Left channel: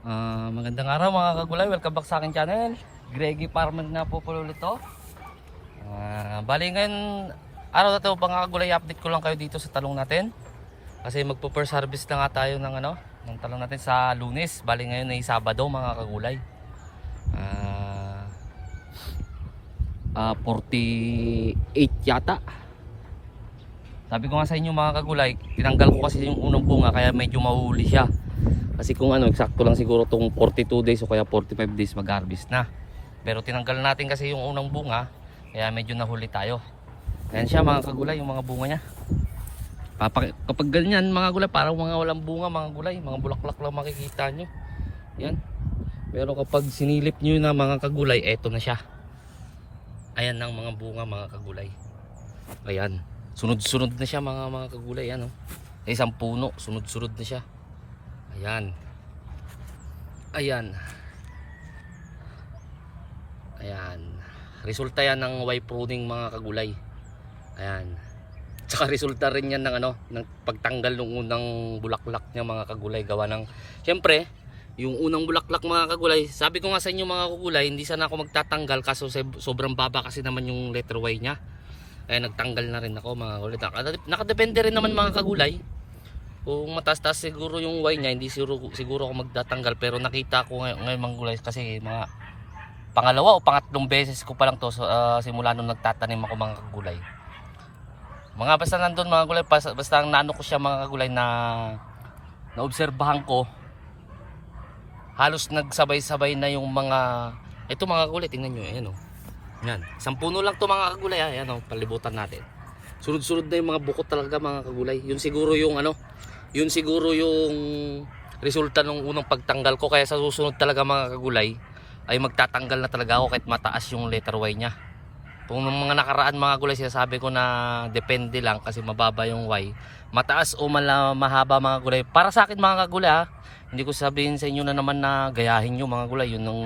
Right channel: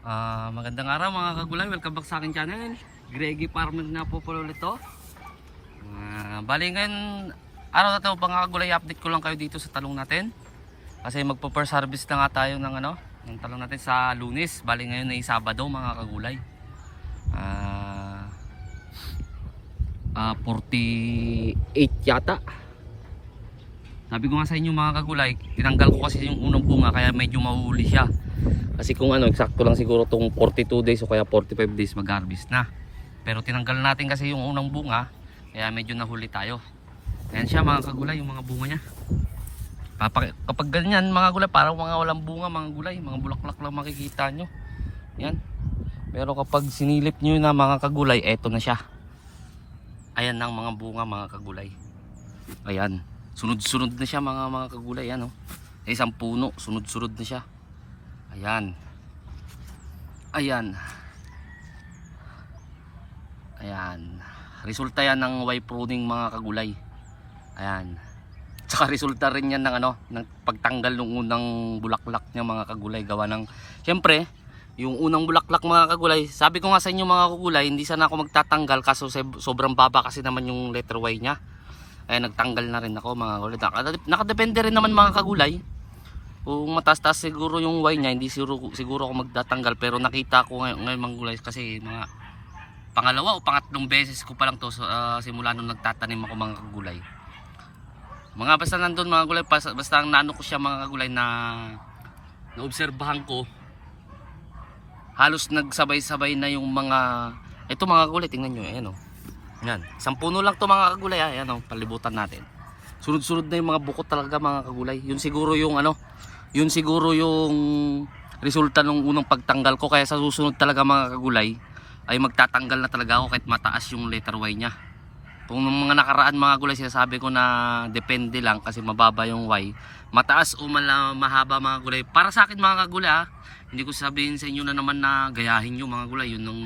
Ah, magandang araw mga kagulay, welcome back sa akin channel. Greggy Farmer nga po po ulit to. Ah, bali ngayon araw na to mga kagulay, update ko lang kayo dito sa talong natin. Kasi magpo first harvest na nga tayo ng ano, ng talong natin sa Lunes. Bali ngayon ay Sabado mga kagulay. Ah, ah 48 yata. Sabi ko nga sa inyo mga kagulay, tinanggal ko kasi yung unang bunga kaya medyo mahuli siya. Kasi kung ano, eksakto lang siguro tong 42 days o kaya 45 days mag-harvest na. Pero tinanggal natin kasi yung unang bunga, kaya medyo nahuli tayo. Ayan siya mga kagulay, yung mga bunga niya. Kapag, kapag ganyan mga gulay, parang mga walang bunga mga gulay, mga bulaklak lang makikita nyo. Yan. Pero kapag sinilip nyo na mga kagulay, eto na siya. Ayan ang mga bunga mga kagulay. Ayan. Sunod-sunod na siya mga mga kagulay. Yan, oh. Sa isang puno, sunod-sunod na siya. Ayan. Ayan. Ayan. Resulta yan ng Y pruning mga kagulay. Ayan. Tsaka resulta rin yan ng ano, ng pagtanggal ng unang bulaklak niya mga kagulay gawa ng Siyempre, yung unang bulaklak mga kagulay, sabi ko nga sa inyo mga kagulay, hindi sana ako magtatanggal kaso sobrang baba kasi naman yung letter Y niya. Kaya nagtanggal na rin ako mga kagulay. Naka- Nakadepende rin naman mga kagulay. Kung mataas-taas siguro yung Y niya, hindi siguro, siguro ako magtatanggal. Pero nakita ko ngayon, ngayon mga gulay kasi mga pangalawa o pangatlong beses ko pa lang to ah, simula nung nagtatanim ako mga kagulay. Mga basta nandun mga gulay, basta, basta naano ko siya mga kagulay na naobserbahan ko halos nagsabay-sabay na yung mga ito mga kagulay, tingnan nyo, ayan o. Yan, isang puno lang to mga kagulay, ah. ayan o, palibutan natin. Sunod-sunod na yung mga bukot talaga mga kagulay. Yun siguro yung ano, yun siguro yung resulta nung unang pagtanggal ko kaya sa susunod talaga mga kagulay ay magtatanggal na talaga ako kahit mataas yung letter Y niya. Kung mga nakaraan mga gulay sinasabi ko na depende lang kasi mababa yung Y, mataas o mala, mahaba mga gulay. Para sa akin mga kagulay ha, hindi ko sabihin sa inyo na naman na gayahin nyo mga gulay, yun ang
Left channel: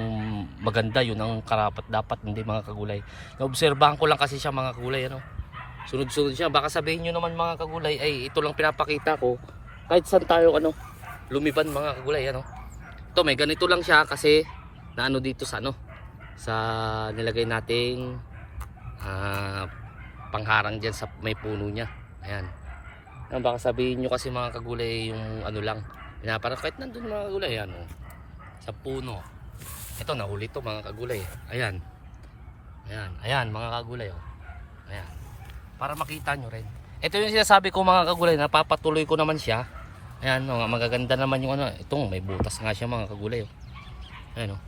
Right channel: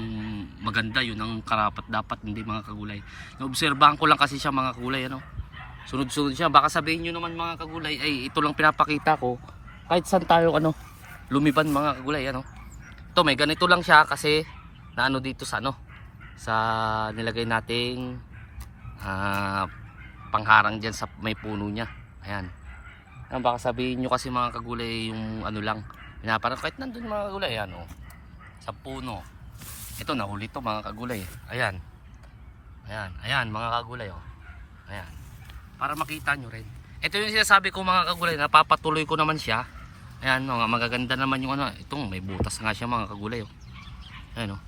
maganda, yun ang karapat dapat, hindi mga kagulay. Naobserbahan ko lang kasi siya mga kagulay ano. Sunod-sunod siya. Baka sabihin nyo naman mga kagulay, ay ito lang pinapakita ko. Kahit saan tayo ano, lumiban mga kagulay ano. Ito may ganito lang siya kasi na ano dito sa ano, sa nilagay nating ah, pangharang dyan sa may puno niya. Ayan. Ayan, baka sabihin nyo kasi mga kagulay yung ano lang. Pinaparang kahit nandun mga kagulay, ano, sa puno. Ito nahuli to mga kagulay. Ayan. Ayan, ayan mga kagulay oh. Ayan para makita nyo rin. Ito yung sinasabi ko mga kagulay, napapatuloy ko naman siya. Ayan, no, magaganda naman yung ano. Itong may butas nga siya mga kagulay. Oh. Ayan, oh.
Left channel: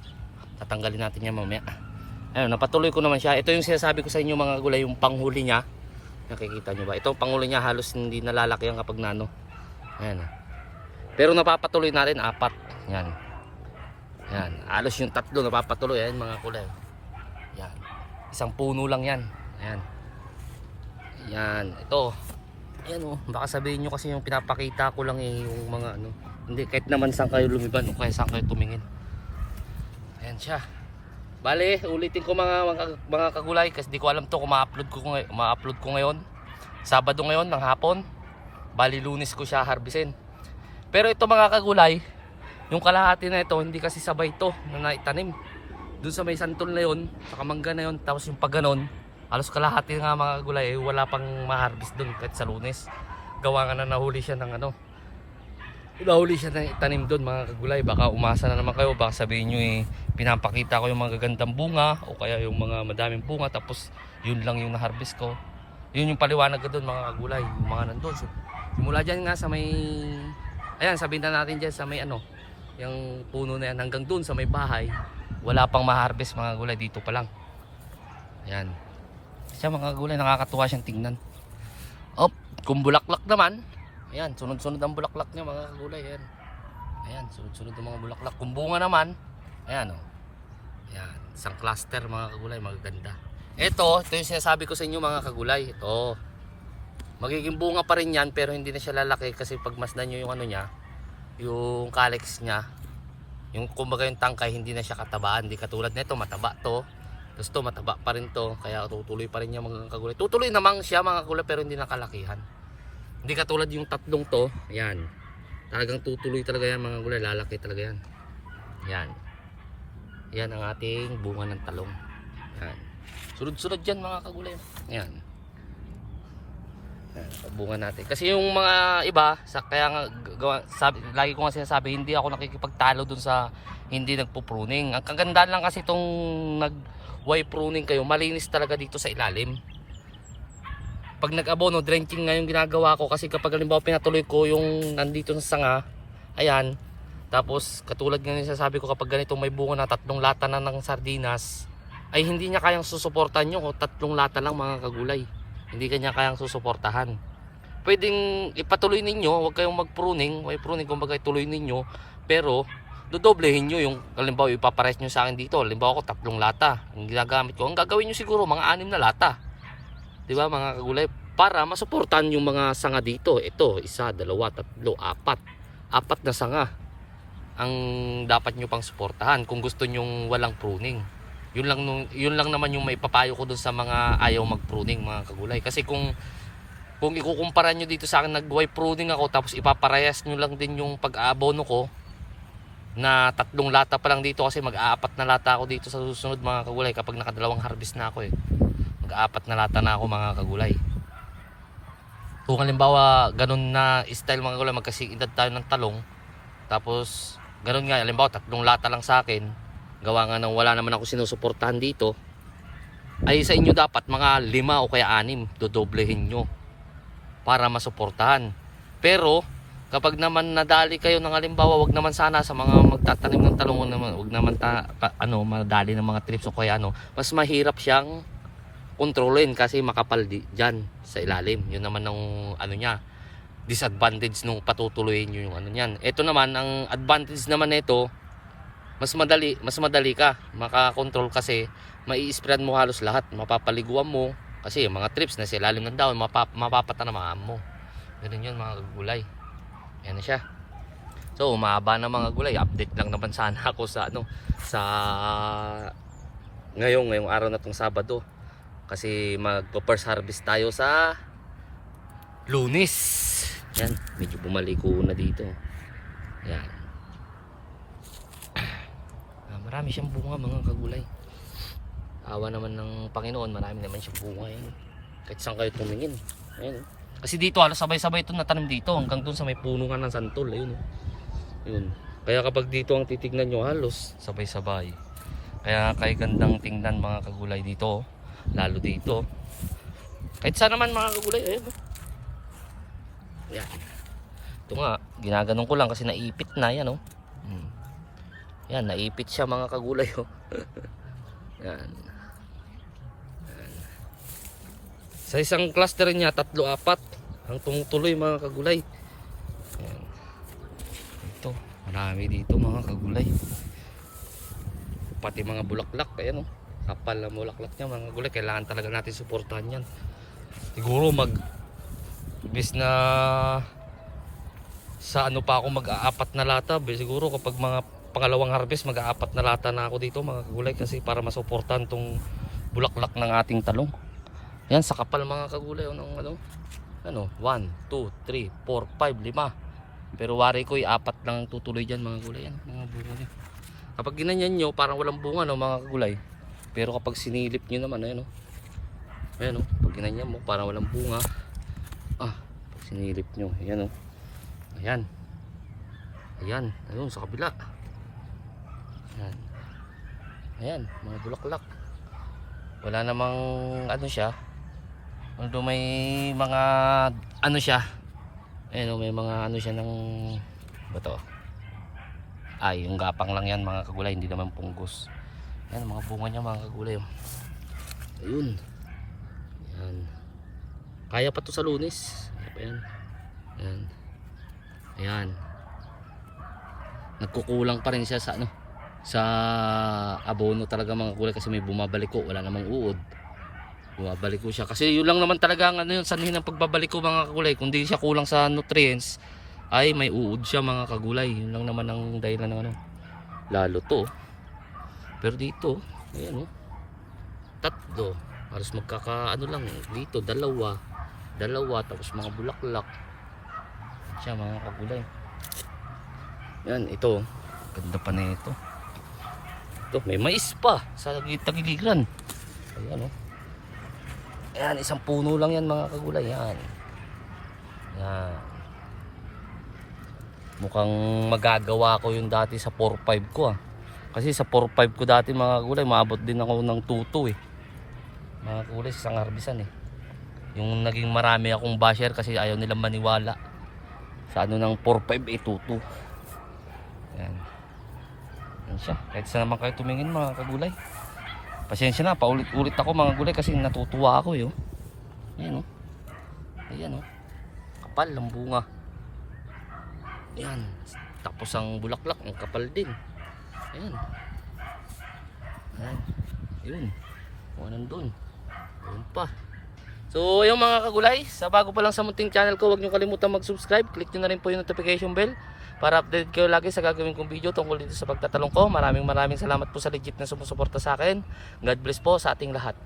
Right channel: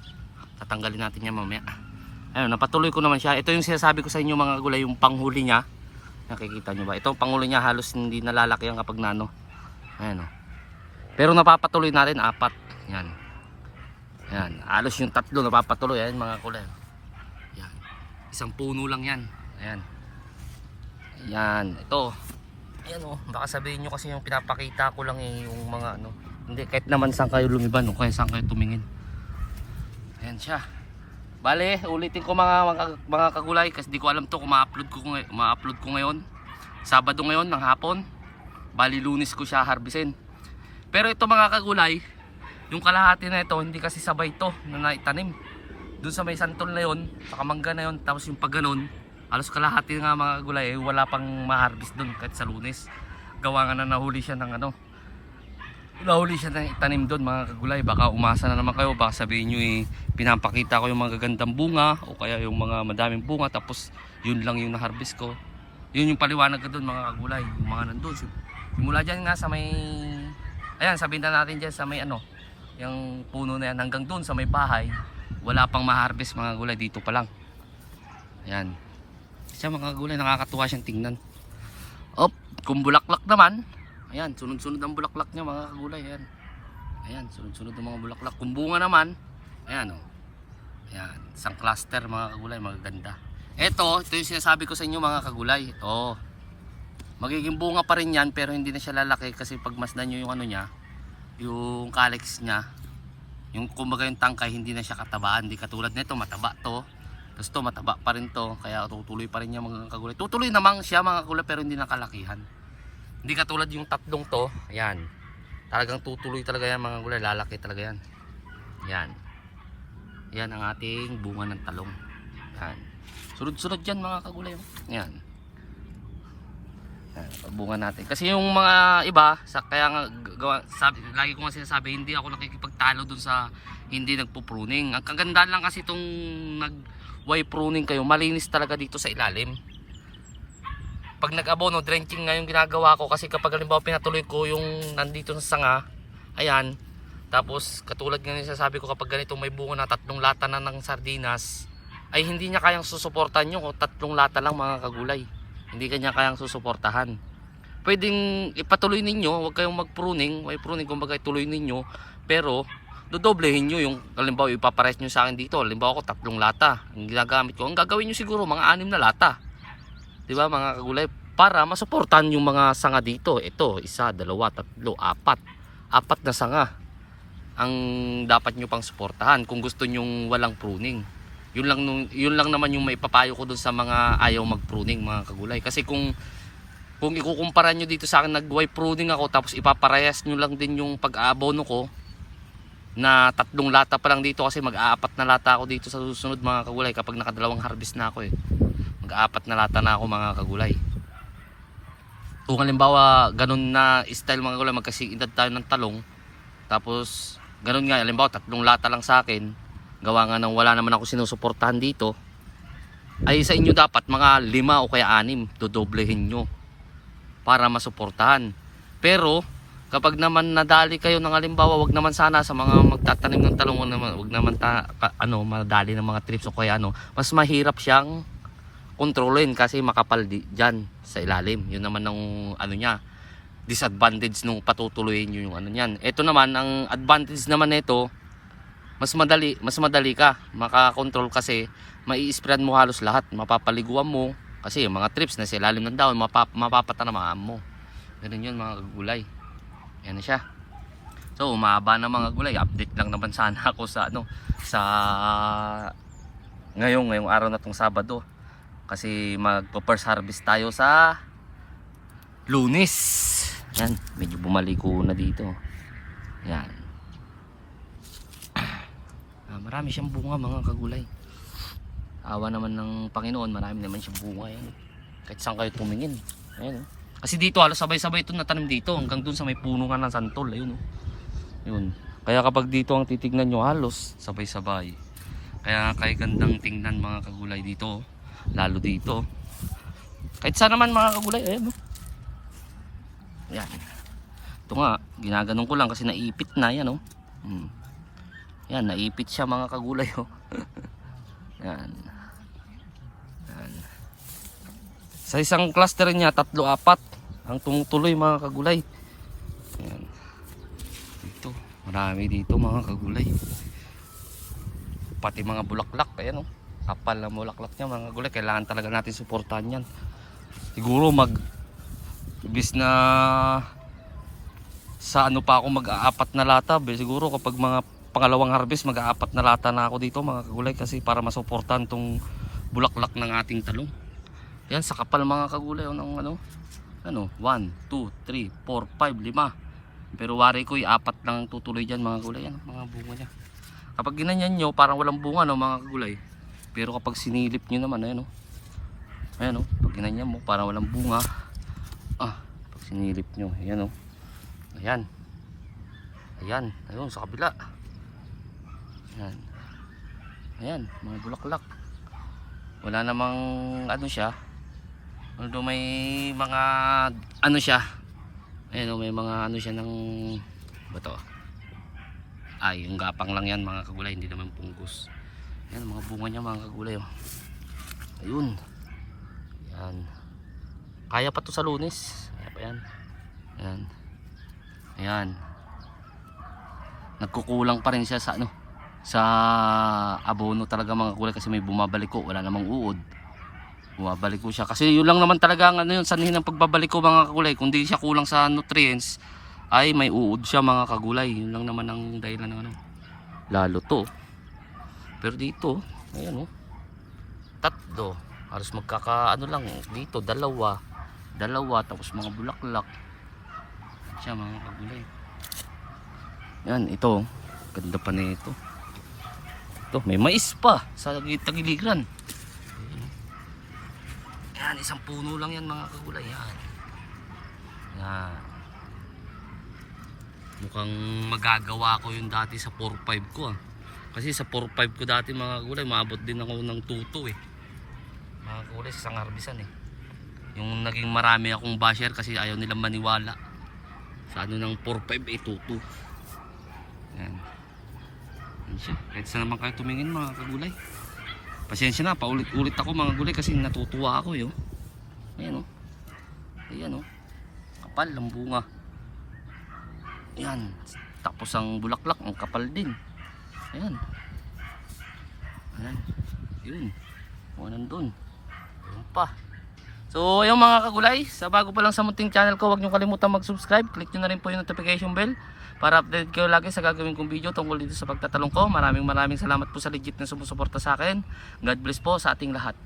tatanggalin natin yan mamaya. Ayan, napatuloy ko naman siya. Ito yung sinasabi ko sa inyo mga kagulay, yung panghuli niya. Nakikita nyo ba? Ito ang panghuli niya halos hindi nalalaki yan kapag nano. Ayan, oh. Pero napapatuloy natin, apat. Yan. Ayan, halos yung tatlo napapatuloy. Ayan mga kulay. Yan. Isang puno lang yan. Ayan. Yan, ito. Ayan oh, baka sabihin nyo kasi yung pinapakita ko lang eh, yung mga ano. Hindi, kahit naman saan kayo lumiban o kaya saan kayo tumingin. Ayan siya. Bale, ulitin ko mga, mga, mga kagulay kasi di ko alam to kung ma-upload ko, ma-upload ko ngayon. Sabado ngayon ng hapon. Bali, lunis ko siya harbisin. Pero ito mga kagulay, yung kalahati na ito, hindi kasi sabay to na naitanim. Doon sa may santol na yun, sa kamangga na yun, tapos yung pag halos kalahati nga mga gulay eh, wala pang ma-harvest doon kahit sa lunes. Gawa nga na nahuli siya ng ano nahuli siya ng itanim doon mga kagulay baka umasa na naman kayo baka sabihin nyo eh pinapakita ko yung mga gagandang bunga o kaya yung mga madaming bunga tapos yun lang yung na-harvest ko. Yun yung paliwanag doon mga kagulay yung mga nandun. Simula dyan nga sa may ayan sabihin na natin dyan sa may ano yung puno na yan hanggang doon sa may bahay wala pang ma-harvest mga gulay dito pa lang. Ayan siya mga gulay nakakatuwa siyang tingnan. Op kung bulaklak naman ayan sunod sunod ang bulaklak niya mga gulay ayan. Ayan sunod sunod ang mga bulaklak. Kung bunga naman ayan o ayan isang cluster mga kagulay magaganda. Eto ito yung sinasabi ko sa inyo mga kagulay. Ito magiging bunga pa rin yan pero hindi na siya lalaki kasi pag masdan nyo yung ano niya yung calyx niya yung kumbaga yung tangkay hindi na siya katabaan. Hindi katulad nito mataba to tapos to mataba pa rin to kaya tutuloy pa rin niya mga kagulay tutuloy namang siya mga kagulay pero hindi nakalakihan hindi katulad yung tatlong to ayan talagang tutuloy talaga yan mga kagulay lalaki talaga yan Yan. Yan ang ating bunga ng talong. Yan. Sunod-sunod yan mga kagulay. Yan. Yan, bunga natin. Kasi yung mga iba, sa, kaya nga, gawa, sabi, lagi ko nga sinasabi, hindi ako nakikipagtalo dun sa hindi nagpo-pruning. Ang kagandaan lang kasi itong nag way pruning kayo, malinis talaga dito sa ilalim. Pag nag-abono, drenching nga yung ginagawa ko. Kasi kapag halimbawa pinatuloy ko yung nandito sa sanga, ayan, tapos katulad nga sasabi ko kapag ganito may bunga na tatlong lata na ng sardinas, ay hindi niya kayang susuportahan nyo kung tatlong lata lang mga kagulay. Hindi kanya kayang susuportahan. Pwedeng ipatuloy ninyo, huwag kayong mag-pruning, way pruning? Kumbaga ituloy ninyo, pero dodoblehin nyo yung halimbawa ipapares nyo sa akin dito. Halimbawa ko tatlong lata ang ginagamit ko. Ang gagawin nyo siguro mga anim na lata. Di ba mga kagulay? Para masuportahan yung mga sanga dito. Ito isa dalawa tatlo apat. Apat na sanga ang dapat nyo pang suportahan kung gusto nyong walang pruning. Yun lang yun lang naman yung maipapayo ko dun sa mga ayaw mag pruning mga kagulay. Kasi kung kung ikukumpara nyo dito sa akin nag-way pruning ako tapos ipaparehas nyo lang din yung pag-aabono ko na tatlong lata pa lang dito kasi mag-aapat na lata ako dito sa susunod mga kagulay kapag nakadalawang harvest na ako eh. Mag-aapat na lata na ako mga kagulay. Kung halimbawa ganun na style mga kagulay magkasing edad tayo ng talong tapos ganun nga halimbawa tatlong lata lang sa akin gawa nga nang wala naman ako sinusuportahan dito ay sa inyo dapat mga lima o kaya anim dodoblehin nyo para masuportahan. Pero kapag naman nadali kayo ng halimbawa wag naman sana sa mga magtatanim ng talong naman, wag naman ta, ano madali ng mga trips o kaya ano mas mahirap siyang kontrolin kasi makapal di, dyan sa ilalim. Yun naman ng ano niya disadvantage nung patutuloyin nyo yung ano niyan. Ito naman ang advantage naman nito mas madali mas madali ka makakontrol kasi mai-spread mo halos lahat. Mapapaliguan mo kasi yung mga trips na sa ilalim ng dahon mapap mapapatanamaan mo. Ganun yun mga gulay yan na siya so umaba na mga gulay update lang naman sana ako sa ano sa ngayong ngayong araw na tong Sabado kasi magpo first harvest tayo sa Lunes yan medyo bumaliko na dito yan Ah, marami siyang bunga mga kagulay. Awa naman ng Panginoon, marami naman siyang bunga eh. Kahit saan kayo tumingin. Ayun. oh. Kasi dito halos sabay-sabay ito natanim dito hanggang dun sa may puno nga ng santol. Ayun oh. Yun. Kaya kapag dito ang titignan nyo halos sabay-sabay. Kaya kay gandang tingnan mga kagulay dito. oh. Lalo dito. Kahit saan naman mga kagulay. Ayun oh. Yan. Ito nga, ginaganon ko lang kasi naipit na yan oh. Hmm. Yan, naipit siya mga kagulay oh. Yan. Sa isang cluster niya, tatlo, apat ang tumutuloy mga kagulay. Yan. Ito, marami dito mga kagulay. Pati mga bulaklak, ayan oh. Kapal ang bulaklak niya mga kagulay. Kailangan talaga natin suportahan yan. Siguro mag bis na sa ano pa ako mag-aapat na lata siguro kapag mga pangalawang harvest mag-aapat na lata na ako dito mga kagulay kasi para masuportahan tong bulaklak ng ating talong yan sa kapal mga kagulay oh, ng ano ano 1, 2, 3, 4, 5, 5 pero wari ko apat lang tutuloy dyan mga kagulay yan mga bunga niya. Kapag ginanyan nyo parang walang bunga no mga kagulay. Pero kapag sinilip nyo naman ayan o ayan o pag ginanyan mo parang walang bunga. Ah pag sinilip nyo ayan o ayan. Ayan ayun sa kabila. Ayan. Ayan mga bulaklak. Wala namang ano siya although may mga ano siya ayan o may mga ano siya ng ba to? Ay yung gapang lang yan mga kagulay hindi naman punggos ang mga bunga niya mga kagulay oh. ayun. Ayan. Kaya pa to sa lunes. Kaya pa yan. Ayan. Ayan. Nagkukulang pa rin siya sa ano sa abono talaga mga kulay kasi may bumabalik ko wala namang uod bumabalik ko siya. Kasi yun lang naman talaga ang ano yun sanhin ng pagbabalik ko mga kagulay kung di siya kulang sa nutrients ay may uod siya mga kagulay yun lang naman ang dahilan ng ano. Lalo to. Pero dito ayan oh. Tatlo. Halos magkaka ano lang dito dalawa. Dalawa tapos mga bulaklak. Siya mga kagulay yan ito. Ganda pa nito. Ito, may mais pa sa tagiliran. Ayan oh. Ayan, isang puno lang yan mga kagulay. Yan. Yan. Mukhang magagawa ko yung dati sa 4-5 ko ah. Kasi sa 4-5 ko dati mga kagulay, maabot din ako ng tuto eh. Mga kagulay, sa isang harbisan eh. Yung naging marami akong basher kasi ayaw nilang maniwala. Sa ano ng 4-5 eh, tuto. Yan. Yan siya. Kahit saan naman kayo tumingin mga kagulay. Pasensya na, paulit-ulit ako mga gulay kasi natutuwa ako eh. oh. Ayan oh. Ayan oh. Kapal ang bunga. Ayan. Tapos ang bulaklak, ang kapal din. Ayan. Ayan. Yun. O nandun. Ayun pa. So, yung mga kagulay, sa bago pa lang sa munting channel ko, huwag niyo kalimutan mag-subscribe. Click niyo na rin po yung notification bell para update kayo lagi sa gagawin kong video tungkol dito sa pagtatalong ko. Maraming maraming salamat po sa legit na sumusuporta sa akin. God bless po sa ating lahat.